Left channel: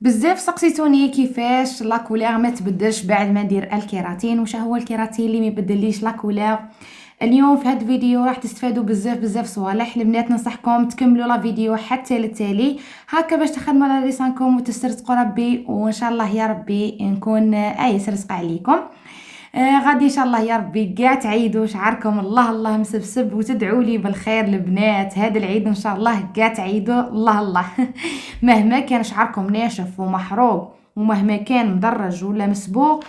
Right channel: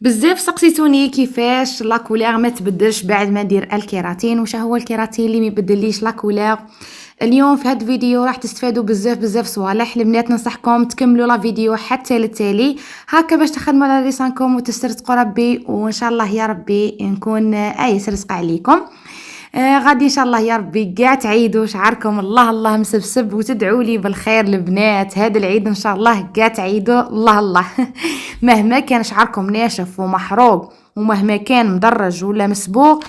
بزاف سقسيتوني كيفاش لا كولير ما تبدلش بعد ما ندير الكيراتين. واش هو الكيراتين اللي ما يبدليش لا كولير؟ اليوم في هذا الفيديو راح تستفادوا بزاف صوالح. البنات ننصحكم تكملوا لا فيديو حتى للتالي هكا باش تخدموا على لسانكم وتسترزقوا ربي، وان شاء الله يا ربي نكون سرزقه عليكم. غادي ان شاء الله يا ربي كاع تعيدوا شعركم الله الله مسبسب وتدعوا لي بالخير البنات. هذا العيد ان شاء الله كاع تعيدوا الله الله مهما كان شعركم ناشف ومحروق ومهما كان مدرج ولا مسبوق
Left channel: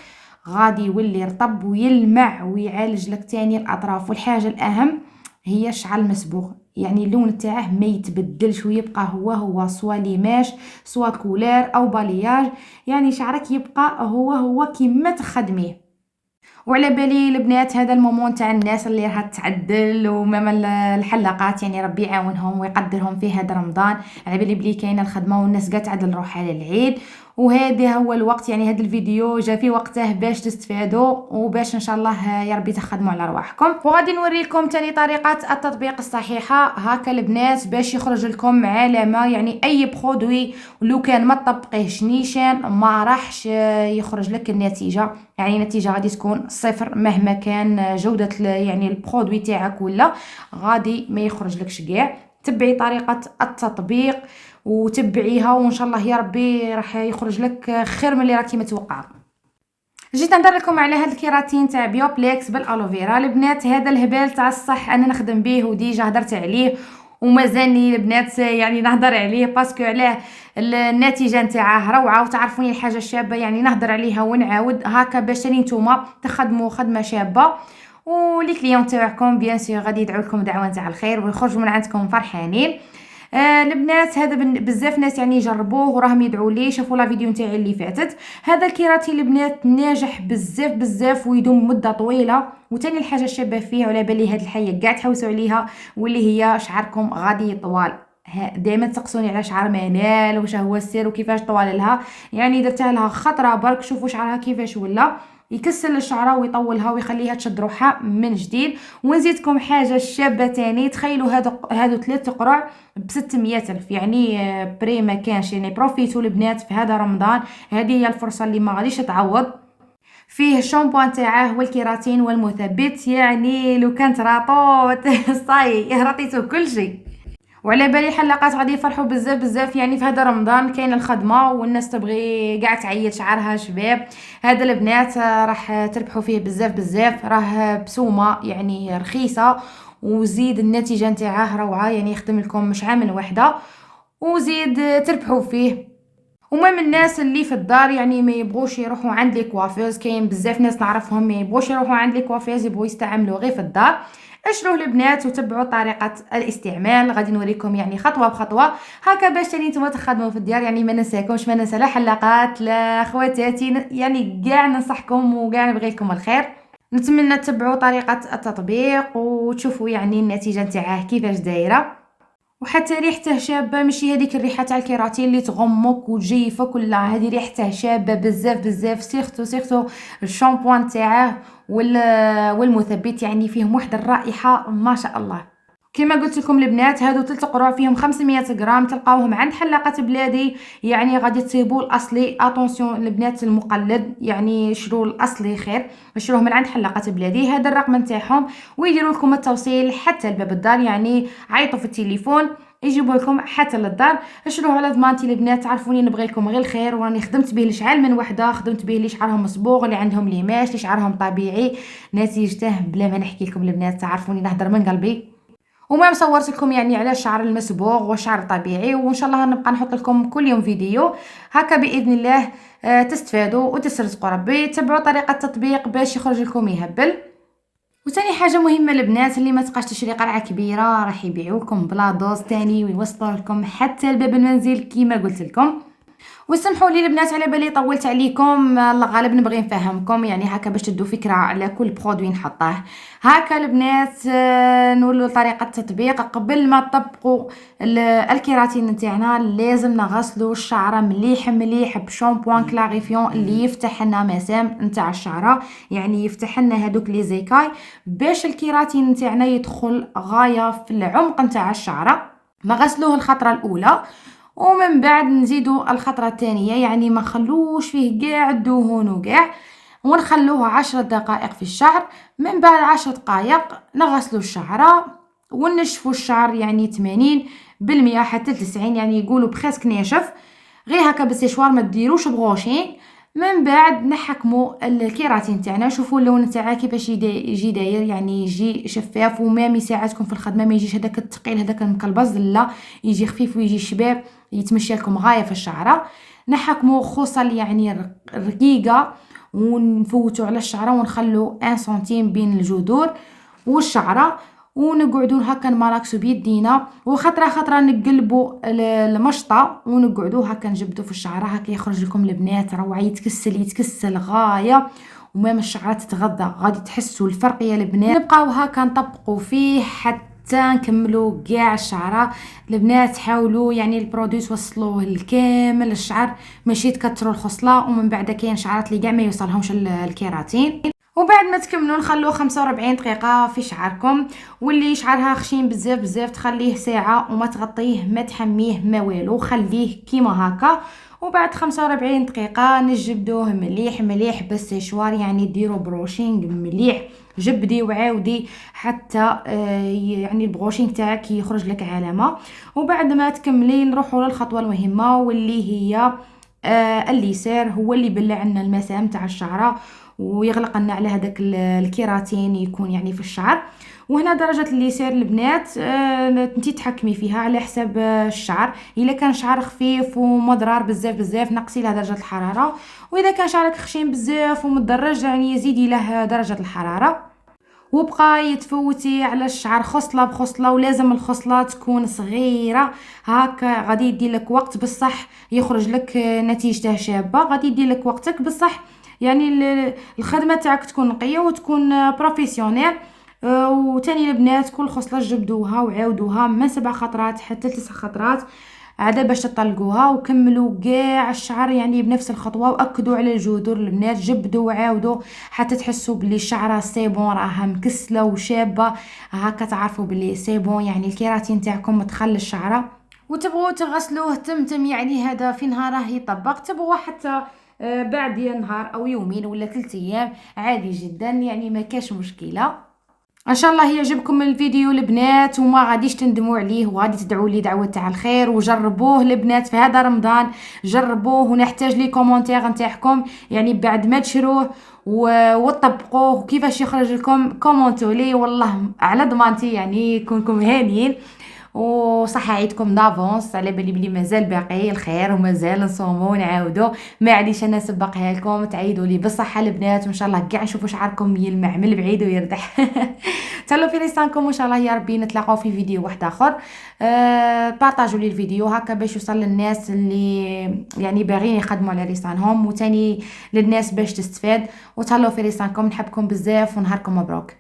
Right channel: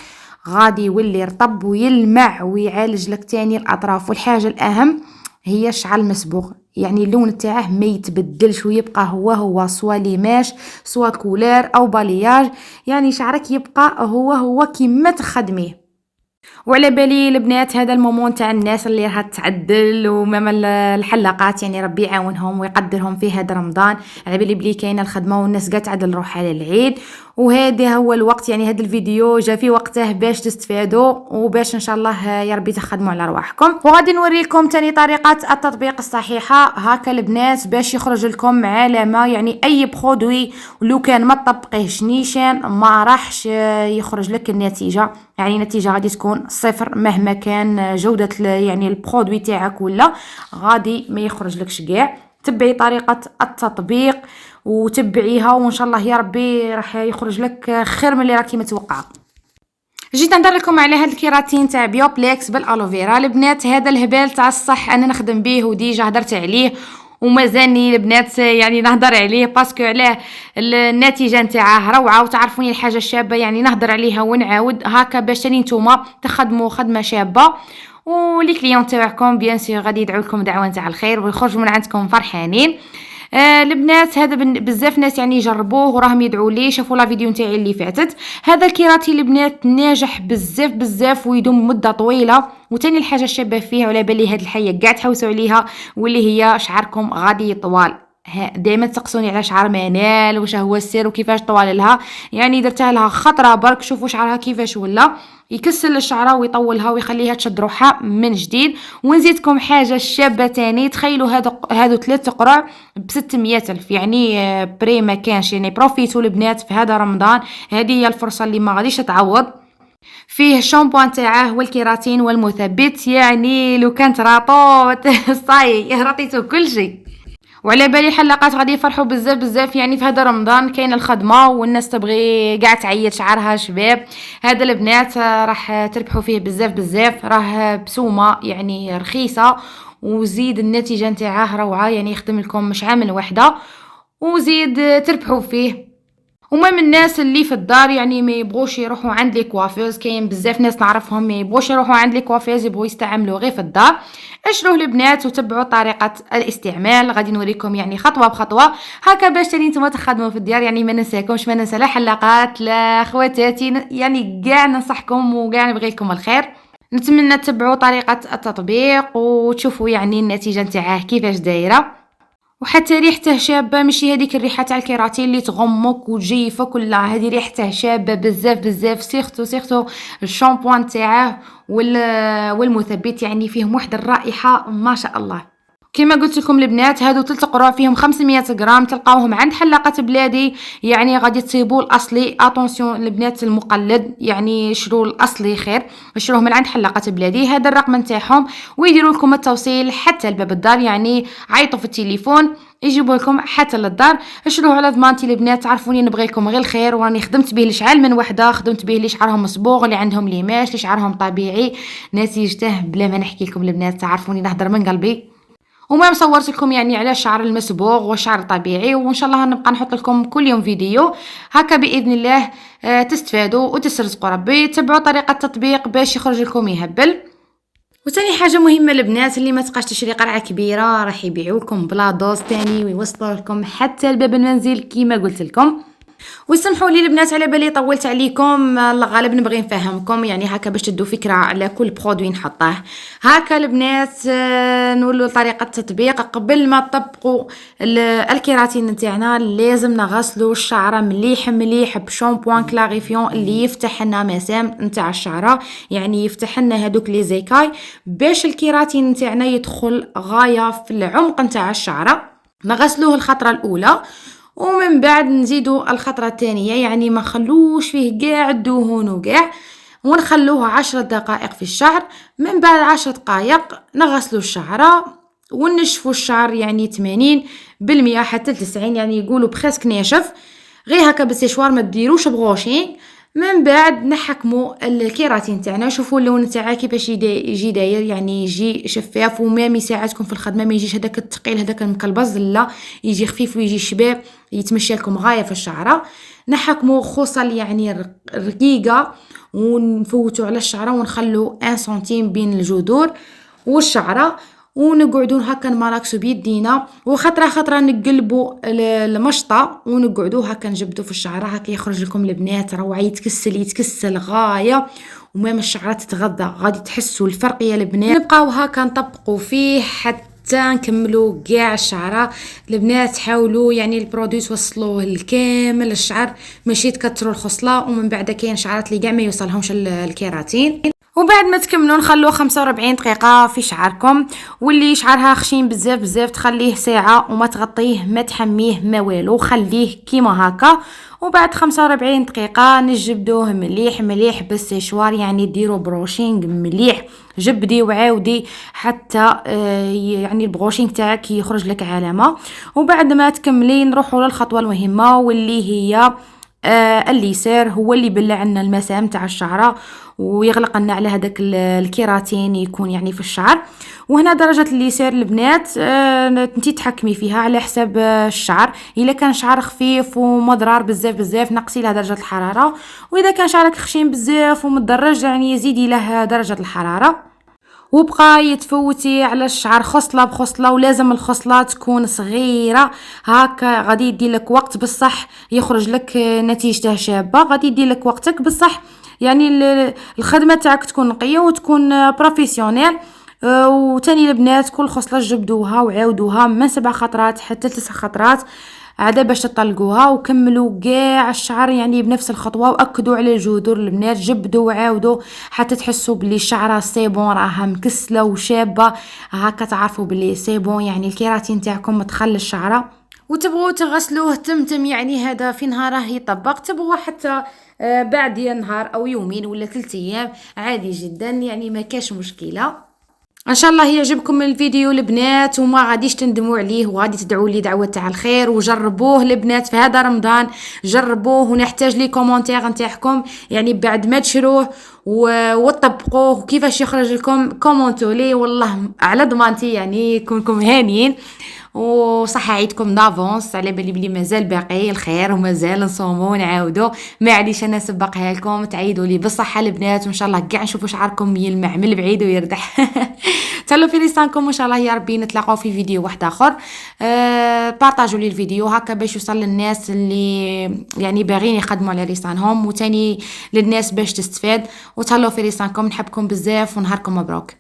غادي يولي رطب ويلمع ويعالج لك تاني الاطراف. والحاجه الاهم هي الشعر المسبوغ، يعني اللون تاعه ما يتبدلش ويبقى هو سوا ليماش سوا كولار او بالياج، يعني شعرك يبقى هو كيما تخدميه. وعلى بالي البنات هذا المومون تاع الناس اللي راها تعدل وماما الحلاقات، يعني ربي يعاونهم ويقدرهم في هذا رمضان. على بالي بلي كاينه الخدمه والناس قاعده تعدل روحها على العيد، وهذا هو الوقت، يعني هذا الفيديو جا في وقته باش تستفادوا وباش ان شاء الله يا ربي تخدموا على رواحكم. وغادي نوريكم تاني طريقه التطبيق الصحيحه هكا البنات باش يخرج لكم علامه، يعني اي برودوي لو كان ما تطبقيهش نيشان ما راحش يخرج لك النتيجه، يعني النتيجه غادي تكون صفر مهما كان جوده يعني البرودوي تاعك ولا غادي ما يخرج لكش كاع. تبعي طريقه التطبيق وتبعيها وان شاء الله يا ربي راح يخرج لك خير من اللي راكي متوقعه. جيت نهضر لكم على هذا الكيراتين تاع بيوبليكس بالالوفيرا. البنات هذا الهبال تاع الصح انا نخدم به وديجا هضرت عليه ومازالني البنات يعني نهضر عليه باسكو علاه النتيجه نتاعه روعه، وتعرفوني الحاجه الشابه يعني نهضر عليها ونعاود هكا باش تاني نتوما تخدموا خدمه شابه، ولي كليون تاعكم بيان سور غادي يدعوا لكم دعوه نتاع الخير ويخرجوا من عندكم فرحانين. البنات هذا بزاف ناس يعني يجربوه وراهم يدعوا لي، شافوا لا فيديو نتاعي اللي فاتت. هذا الكيراتين البنات ناجح بزاف ويدوم مده طويله، وتاني الحاجه الشابه فيه وعلى بالي هاد الحاجه كاع تحوسوا عليها واللي هي شعركم غادي يطول. دائما تسقسوني على شعر منال واش هو السر وكيفاش طوال لها، يعني درتها لها خطره برك شوفوا شعرها كيفاش ولا يكسل الشعره ويطولها ويخليها تشد روحها من جديد. ونزيدكم حاجه شابه تاني، تخيلوا هادو 3 قرع ب600 الف، يعني بري ما كانش، يعني بروفيتوا البنات في هذا رمضان، هذه هي الفرصه اللي ما غاديش تعوض. فيه الشامبوان تاعه والكيراتين والمثبت، يعني لو كانت راطوت صاي رطيتو كل شيء. وعلى بالي حلاقات غادي يفرحوا بزاف، يعني في هذا رمضان كاين الخدمه والناس تبغي قاع تعيط شعرها شباب. هذا البنات راح تربحوا فيه بزاف، راه بسومه يعني رخيصه، وزيد النتيجه نتاعه روعه، يعني يخدم لكم مش عامل وحده وزيد تربحوا فيه. وما من الناس اللي في الدار يعني ما يبغوش يروحوا عند لي كوافيز، كاين بزاف ناس نعرفهم ما يبغوش يروحوا عند لي كوافيز، يبغوا يستعملوا غير في الدار. اشروه البنات وتبعوا طريقه الاستعمال، غادي نوريكم يعني خطوه بخطوه هكا باش تاني نتوما تخدموا في الديار. يعني ما ننساكمش، ما ننسى لا حلاقات لا خواتاتي، يعني كاع ننصحكم وكاع نبغي لكم الخير. نتمنى تتبعوا طريقه التطبيق وتشوفوا يعني النتيجه نتاعه كيفاش دايره. وحتى ريحته شابه، ماشي هذيك الريحه تاع الكيراتين اللي تغمك وتجيفك، ولا هذه ريحته شابه بزاف. سيرتو الشامبوان تاعه والمثبت، يعني فيهم واحد الرائحه ما شاء الله. كما قلت لكم البنات هادو 3 قروع فيهم 500 غرام، تلقاوهم عند حلاقه بلادي، يعني غادي تصيبوا الاصلي. اتونسيون البنات المقلد، يعني شرو الاصلي خير، شروه من عند حلاقه بلادي، هذا الرقم نتاعهم ويديروا لكم التوصيل حتى لباب الدار، يعني عيطوا في التليفون يجيبوا لكم حتى للدار. اشروه على ضمانتي البنات، تعرفوني نبغي لكم غير الخير، وراني خدمت به لشعال من وحده، خدمت به اللي شعرهم مصبوغ، اللي عندهم ليماش، اللي شعرهم طبيعي، نتيجته بلا ما نحكي لكم البنات، تعرفوني نهضر من قلبي. وما مصورت لكم يعني على الشعر المسبوغ والشعر الطبيعي، وان شاء الله نبقى نحط لكم كل يوم فيديو هكا باذن الله. تستفادوا وتسترزقوا ربي، تبعوا طريقه التطبيق باش يخرج لكم يهبل. وثاني حاجه مهمه البنات، اللي ما تبقاش تشري قرعه كبيره راح يبيعوا لكم بلا دوز تاني ويوصلوا لكم حتى لباب المنزل كيما قلت لكم. وسمحوا لي البنات على بالي طولت عليكم، الغالب نبغي نفهمكم يعني هكا باش تدوا فكره على كل برودوي نحطه. هكا البنات نقولوا طريقه التطبيق. قبل ما تطبقوا الكيراتين نتاعنا لازم نغسلوا الشعره مليح بشامبوان كلاريفيون اللي يفتح لنا مسام نتاع الشعره، يعني يفتح لنا هذوك لي زيكاي باش الكيراتين نتاعنا يدخل غايه في العمق نتاع الشعره. نغسلوه الخطره الاولى، ومن بعد نزيدو الخطرة الثانية، يعني ما نخلوش فيه قاع الدهون وقاع، ونخلوه 10 دقائق في الشعر. من بعد 10 دقائق نغسلو الشعرة ونشفو الشعر، يعني 80% حتى 90، يعني يقولوا بخسك ناشف، غير هكا بالسيشوار، ما ديروش بغوشينغ. من بعد نحكموا الكيراتين تاعنا، شوفوا اللون تاعها كيفاش يجي داير، يعني يجي شفاف ومام يساعدكم في الخدمه، ما يجيش هذاك الثقيل هذاك المكلبز، لا يجي خفيف ويجي شباب يتمشى لكم غايه في الشعره. نحكموا خصل يعني رقيقه، ونفوتوا على الشعره ونخلوا 1 سنتيم بين الجذور والشعره، ونقعدو هكا نماراكسو بيدينا، وخطره خطره نقلبوا المشطه ونقعدو هكا نجبدو في الشعره، هكا يخرج لكم البنات روعه، يتكسل غايه، ومام الشعره تتغذى، غادي تحسوا الفرق يا البنات. نبقاو هكا نطبقوا فيه حتى نكملوا كاع الشعره. البنات حاولوا يعني البرودوي توصلوه لكامل الشعر، ماشي تكثروا الخصله، ومن بعد كاين شعرات اللي كاع ما يوصلهمش الكيراتين. وبعد ما تكملوا نخلوه 45 دقيقه في شعركم، واللي شعرها خشين بزاف بزاف تخليه ساعه وما تغطيه ما تحميه ما والو، خليه كيما هكا. وبعد 45 دقيقه نجبدوه مليح مليح بالسيشوار، يعني ديروا بروشينغ مليح، جبدي وعاودي حتى يعني البروشينغ تاعك يخرج لك علامه. وبعد ما تكملي نروحوا للخطوه المهمه، واللي هي الليسير، هو اللي يبلع لنا المسام تاع الشعره ويغلق لنا على هذاك الكيراتين يكون يعني في الشعر. وهنا درجه الليسير البنات انتي تحكمي فيها على حساب الشعر، الا كان شعر خفيف ومضرار بزاف بزاف نقصي له درجه الحراره، واذا كان شعرك خشين بزاف ومدرج يعني زيدي له درجه الحراره. وبقى يتفوتي على الشعر خصله بخصله، ولازم الخصله تكون صغيره هكا، غادي يدي لك وقت بصح يخرج لك نتيجته شابه، غادي يدي لك وقتك بصح، يعني الخدمه تاعك تكون نقيه وتكون بروفيسيونيل. وتاني البنات كل خصله جبدوها وعاودوها من 7 خطرات حتى 9 خطرات عاد باش تطلقوها، وكملوا كاع الشعر يعني بنفس الخطوه، واكدوا على الجذور البنات، جبدوا وعاودوا حتى تحسوا بلي الشعره سيبون راها مكسله وشابه، هكا تعرفوا بلي سيبون يعني الكيراتين تاعكم تخلي الشعره. وتبغوا تغسلوه تمتم، يعني هذا في نهاره يطبق، تبغوا حتى بعد نهار او يومين ولا 3 ايام عادي جدا، يعني ما كاش مشكله. ان شاء الله يعجبكم الفيديو البنات، وما غاديش تندموا عليه، وغادي تدعوا لي دعوه تاع الخير، وجربوه البنات في هذا رمضان، جربوه ونحتاج لي كومونتير نتاعكم، يعني بعد ما تشروه وتطبقوه كيفاش يخرج لكم، كومونتوا لي والله على ضمانتي يعني يكونكم هانيين. وصح عيدكم دافونس، على بالي بلي مازال باقي الخير ومازال نصوموا ونعاودوا، معليش انا نسبقها لكم، تعيدوا لي بالصحه البنات، وان شاء الله كاع نشوفوا شعركم يلمع من البعيد ويرتاح. تهلاو في لسانكم، وان شاء الله يا ربي نتلاقاو في فيديو واحد اخر. بارطاجوا لي الفيديو هكا باش يوصل للناس اللي يعني باغيين يخدموا على لسانهم، وتاني للناس باش تستفاد. وتهلاو في لسانكم، نحبكم بزاف ونهاركم مبروك.